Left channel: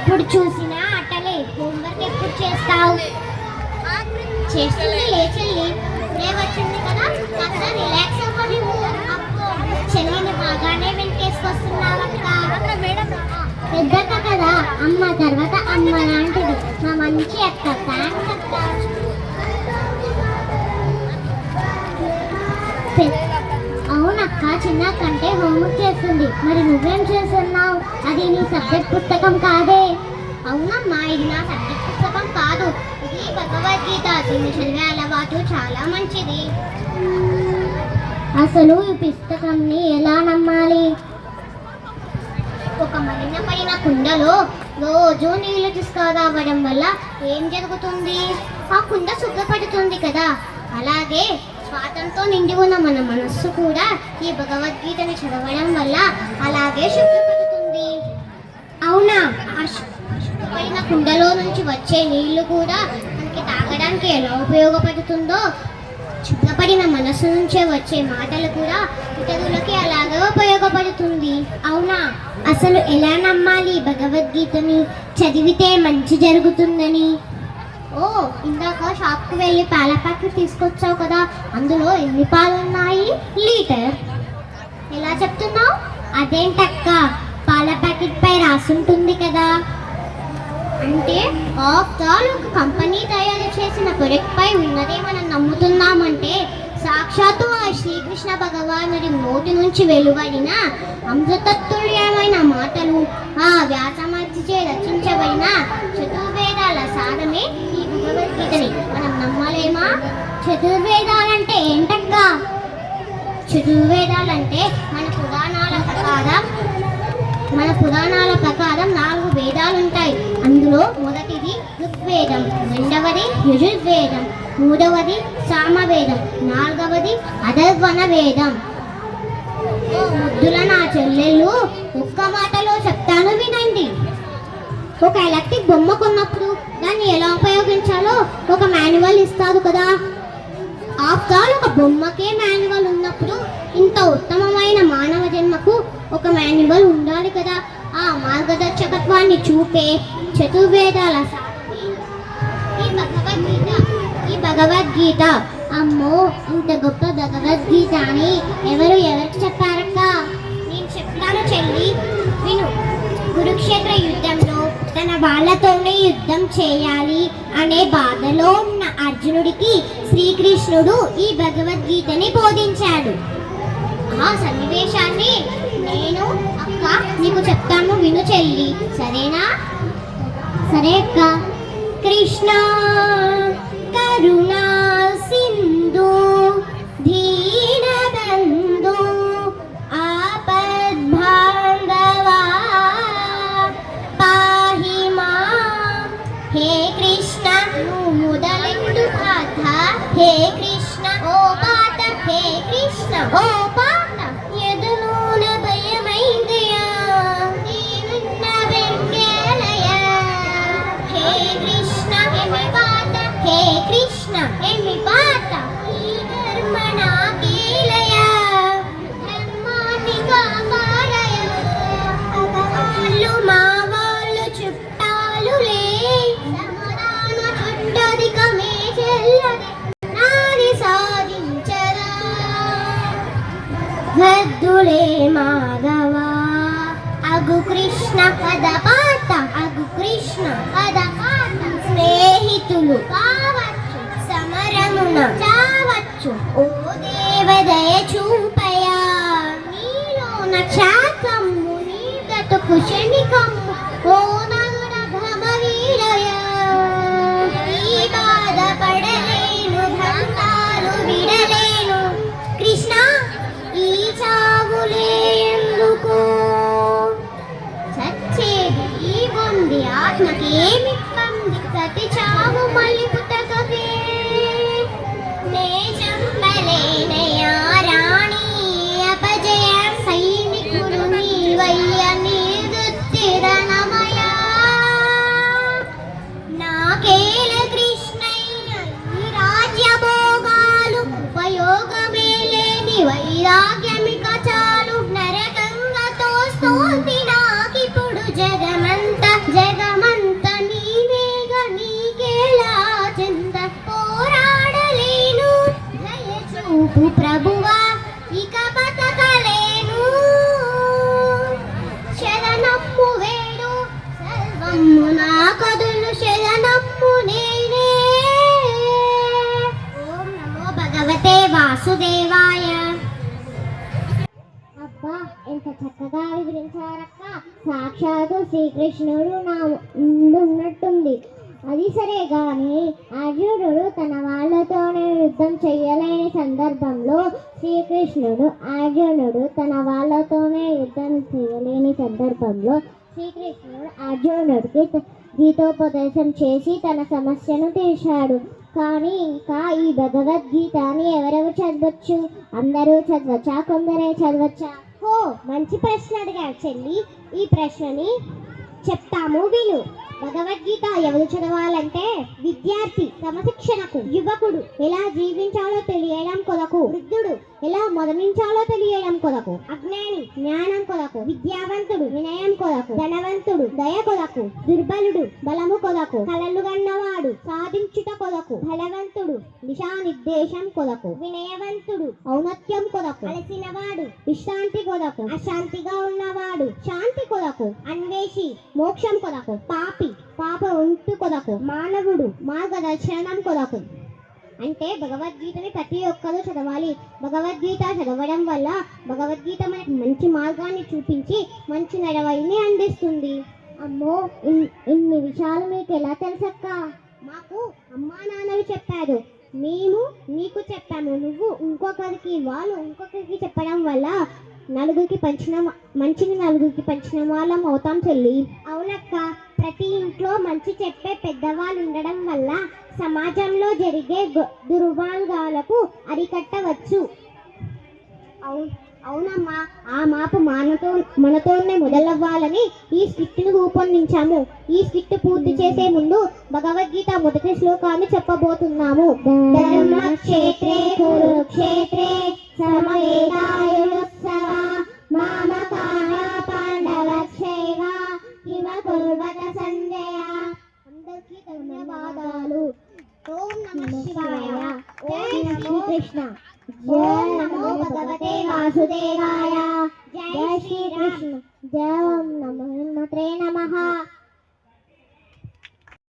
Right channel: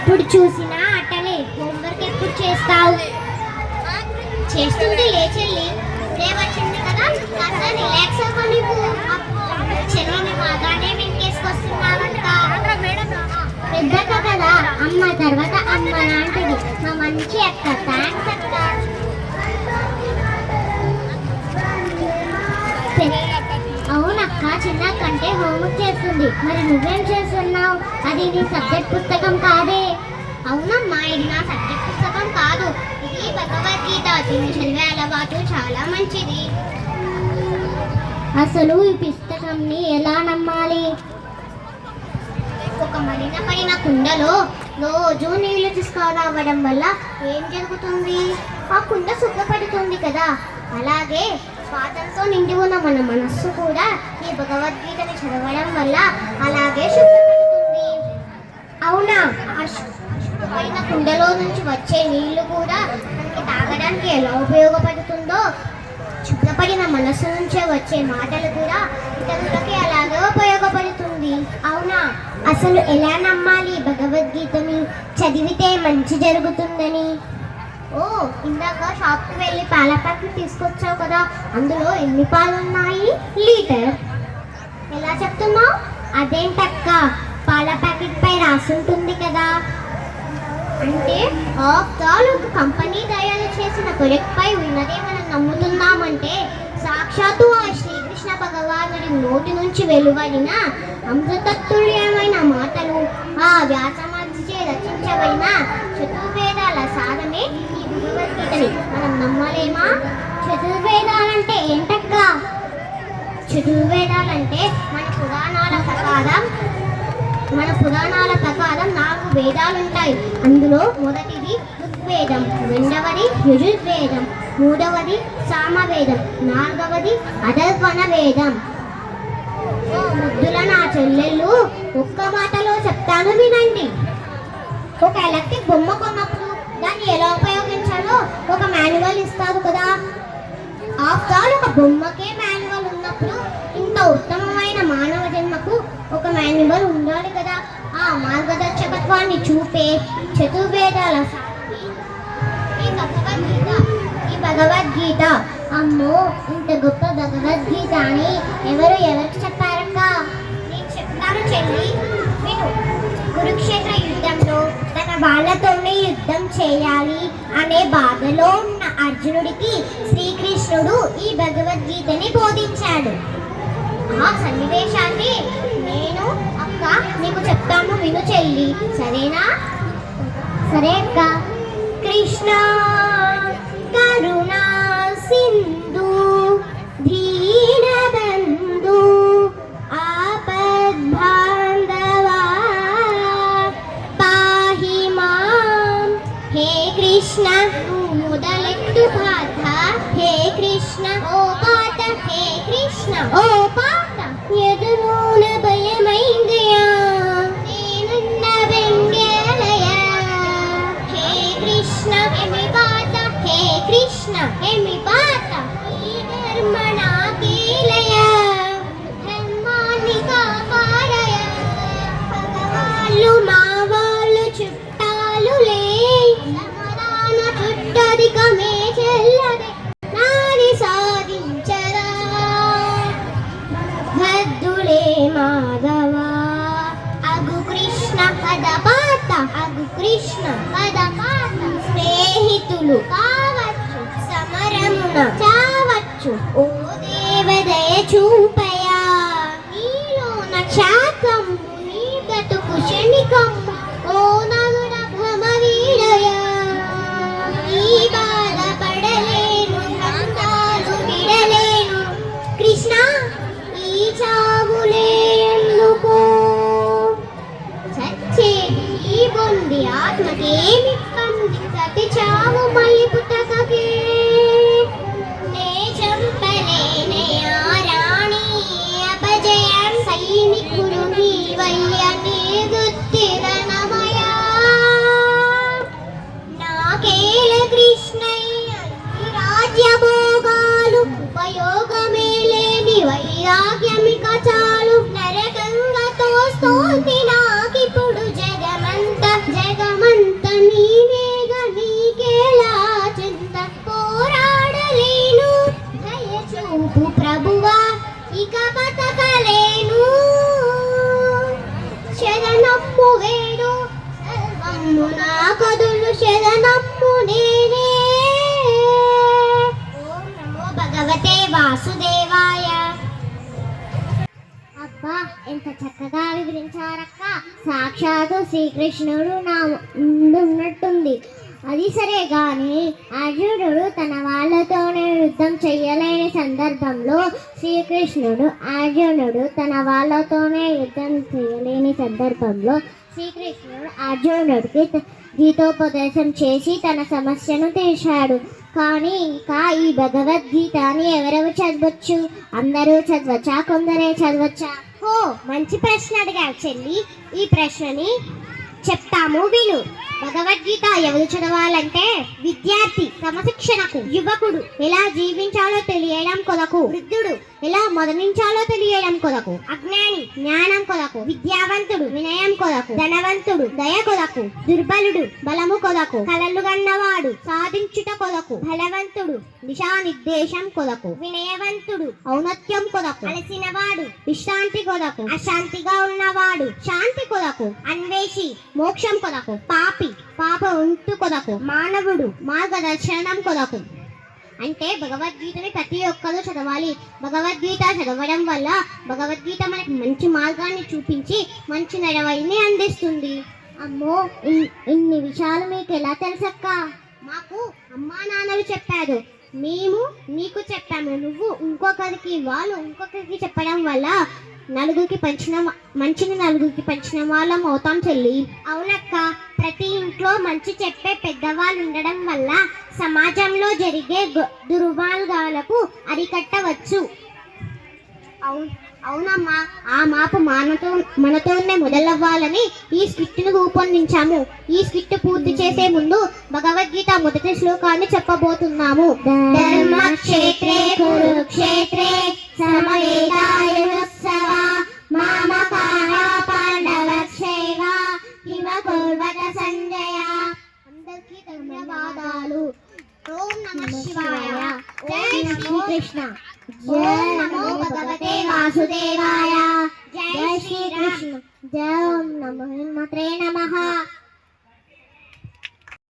ఎప్పుడు చూసినా అట్టలే. హోంవర్క్ ఎప్పుడు చేస్తావు? చేస్తుంది లే చెల్లి, ఇప్పుడే వచ్చింది కదా, కాస్త రిలాక్స్ అవ్వాలి. అబ్బో చెల్లిని బాగానే వెంటేసుకొస్తున్నావంట. పెద్దక్క కదా, అమ్మ తర్వాత అమ్మ లాంటిది. నా మంచి అక్క. థ్యాంక్స్ అక్క. అవునక్క, చిన్న కంటే హోంవర్క్ చేస్తుంది. మరి నువ్వేం చేస్తున్నావు? అది నీ సబ్జెక్ట్ పుస్తకం కాదే. అవునమ్మా, ఇది నా సబ్జెక్ట్ పుస్తకం కాదు, ఇది భగవద్గీత. దీన్ని చదివే అలవాటు చాలా మంచిది. అసలు ఈ పుస్తకాన్ని ఎలా నమ్మాలి? ఒక మలినపడిన కుండలో రోజు నీళ్లు తీసుకురావడం వల్ల ఏం జరుగుతుంది? ఆ కుండ శుభ్రపడుతుంది కదా. అలాగే స్వాతంతో నిండి ఉన్న మన మనస్సు కూడా ఈ భగవద్గీతని చదవడం వల్ల అలాగే శుభ్రపడుతుంది. అవునా? ఆ శుభ్రపడిన కుండలో నుంచి వచ్చే నీళ్లు కూడా మనకి తాగడానికి ఎలా ఉపయోగపడుతుందో, శుభ్రపడిన మనస్సు నుంచే వచ్చే మాటలు కూడా ఇతరులకి అలాగే ఉపయోగపడుతుంది. అవునా? అసలు ఎలా నమ్మాలి భగవద్గీతని? చదివితే మంచి జరుగుతుందని. ఓ, ఇందాక షాప్కి వెళ్ళి పాల ప్యాకెట్ తీసుకొచ్చావు కదా, అందులో ఎన్ని పాలు ఉన్నాయి? లీటర్. ఎలా చెప్తున్నావు? అదేంటక్క, పాల ప్యాకెట్ పై రాసుంటుంది కదా. అంటే ఆఫ్టర్ ఒక కంపెనీ తయారు చేసిన ప్రొడక్ట్ పై ఉన్నదే మనం నమ్ముతున్నామంటే సాక్షాత్తు ఆ శ్రీకృష్ణ భగవానుడి నోటి నుంచి వెలువడిన అమృతతుల్యమైన మాటలు, ఆ వ్యాసమహర్షిచే రచించబడిన చతుర్వేదాల సారమే ఈ భగవద్గీతని మనం నమ్మలేమా? చతుర్వేదాలంటే ఏంటక్క? చతుర్వేదాలంటే మన పురాణాల ప్రకారం 4 వేదాలు ఉంటాయి. అందులో మొదటిది ఋగ్వేదం, రెండవది యజుర్వేదం, మూడవది సామవేదం, నాలుగవది అథర్వణ వేదం. ముద్దుల నా చెల్లెళ్ళు, ఒక్క మాటలో చెప్తాను వినండి. ఒక ఎలక్ట్రిక్ బొమ్మ కొన్నప్పుడు దాన్ని ఎలా ఉపయోగించాలో ఒక మాన్యువల్ ఇస్తారు కదా. ఆఫ్టర్ ఒక బొమ్మకే మాన్యువల్ ఉన్నప్పుడు ఇంత ఉత్తమమైన మానవ జన్మకు ఒక మాన్యువల్ ఉండాలి కదా. ఆ మార్గదర్శకత్వాన్ని చూపే చతుర్వేదాల ఈ భగవద్గీత. అమ్మో, ఇంత గొప్ప భగవద్గీత అని ఎవరికి చెప్పారక్క? నేను చెప్తాను చెల్లి, విను. కురుక్షేత్ర యుద్ధంలో తన వాళ్ళతోనే యుద్ధం చేయాలి అనే బాధలో ఉన్న అర్జునుడికి శ్రీకృష్ణుడు ఈ భగవద్గీతని బోధించాడు. ఆ సన్నివేశాన్ని నేను అక్క నీకు చెప్తాను, విను చెల్లి, సరేనా? సరే అక్క. కృష్ణ కరుణా సింధు దీనబంధు ఆపద్బాంధవా పాహి మాం. హే కృష్ణ మొదలెందు పాత, హే కృష్ణ ఓ పాత, హే కృష్ణ ఓ పాత. ఎదురున భయమైందియా, నేనున్న వెంగేలయా. హే కృష్ణ ఎమి పాత, హే కృష్ణ ఎమి పాత. ఈ ధర్మ నాకేలయా, ధర్మాన్ని కాపాడయా. వాళ్ళు మా వాళ్ళు చుట్టాలులే, ధర్మరాను చుట్టదికమే చెల్లదే, నాని సాధించరా. వద్దులే మాధవ అగు కృష్ణ పదపాత, అగు కృష్ణ పదపాత. స్నేహితులు కావచ్చు, సమరమున చావచ్చు. ఓ దేవదయ చూపయా, నీలోన శాకము నీ బ్రతుకు క్షణికము. ఓ నమున భ్రమ వీడయా, ఈ బాధపడలేను, భ్రమతాలు విడలేను. కృష్ణ ఈ చావులేందుకు, చచ్చేది ఈ బొంది ఆత్మకేమి పంది. ప్రతి చావు మళ్ళీ పుట్టకకే, నే చంపలేనయా రాణి అపజయం. సైనికుడు నీవయ్య నీదుత్తిరణమయా. నాకేల కృష్ణయ్య ఈ రాజ్యభోగాలు, ఉపయోగమే లేని వైరాగ్యమిక చాలు. నరకంగా తోస్తోంది నాకిప్పుడు జగమంతా, జగం అబ్బా ఎంత చక్కగా వివరించారక్క. సాక్షాత్తు శ్రీకృష్ణుడు నా ముందు ఉన్నట్టుంది. అది సరే గాని అర్జునుడు తన వాళ్ళతోనే యుద్ధం చెయ్యలేని సందర్భంలో శ్రీకృష్ణుడు అర్జునుడికి గీతోపదేశం చేసి తన సమస్యను తీర్చాడు. కానీ ఇంకా ఈ భగవద్గీతని ఎవరెవరు చదవచ్చు? అందరూ చదవచ్చా? కొందరే చదవచ్చా? ఓ మంచి ప్రశ్న అడిగారు చెల్లి. ఈ ప్రశ్నని చెప్తాము విను. భగవద్గీత ఎవరు చదవాలంటే విద్యార్థి క్రమశిక్షణకు, యువకుడు ఎలా జీవించాలో తెలియడం కొరకు, వృద్ధుడు ఎలా మరణించాలో తెలియడం కొరకు, అజ్ఞాని జ్ఞానం కొరకు, విద్యావంతుడు వినయం కొరకు, ధనవంతుడు దయ కొరకు, దుర్బలుడు బలము కొరకు, కలలు గన్నవాడు సాధించుట కొరకు, బలవంతుడు దిశానిర్దేశం కొరకు, వినయవంతుడు ఔన్నత్యం కొరకు, అలసినవాడు విశ్రాంతి కొరకు, అశాంతిగా ఉన్నవాడు శాంతి కొరకు, అన్వేషి మోక్షం కొరకు, పాపి పాప ఉంటు కొరకు, మానవుడు మార్గదర్శనం కొరకు. అంటే భగవద్గీతని ప్రతి ఒక్కరూ చదవాలి. భగవద్గీత చదవడం వల్ల భగవద్గీత మనకి మంచి మార్గాన్ని చూపించి మంచి నడవడిని అందిస్తుంది. అమ్మో, ఇన్ని విషయాలు మీకు ఎలా తెలుసక్క? మాకు అమ్మా నాన్నలు చెప్పారు, మేము నీకు చెప్పాము, నువ్వు ఇంకొకరికి, వాళ్ళు ఇంకొకరికి చెప్పడం వల్ల నలుగురికి పంచిన మంచిని నలుగురికి పంచిన వాళ్ళం అవుతాం చెల్లి. అవునక్క, ప్రతి ఇంట్లో మంచి చెప్పే పెద్దవాళ్ళు ఉండడం వల్ల సమాజంలో జరిగే దుర్మార్గాలకు అరికట్టవచ్చు. అవునమ్మా, ఆ మాపు మనతోనే మొదలవ్వాలని ఈ స్క్రిప్ట్ను రూపొందించాము. ఈ స్క్రిప్ట్ పూర్తి చేసే ముందు భగవద్గీత మొదటి శ్లోకాన్ని చెప్పబోతున్నాము. ధర్మక్షేత్రే కురుక్షేత్రే సమవేతాయుత్సవ మామకాః పాండవక్షేమ కిమ కుర్వత సంజయ. అందరికీ ధన్యవాదాలు. ఓం నమః శివాయ. జై శ్రీకృష్ణ. ఓం నమో భగవతే వాసుదేవాయ. జై శ్రీకృష్ణ. జై ఓం నమో హనుమతే నమః.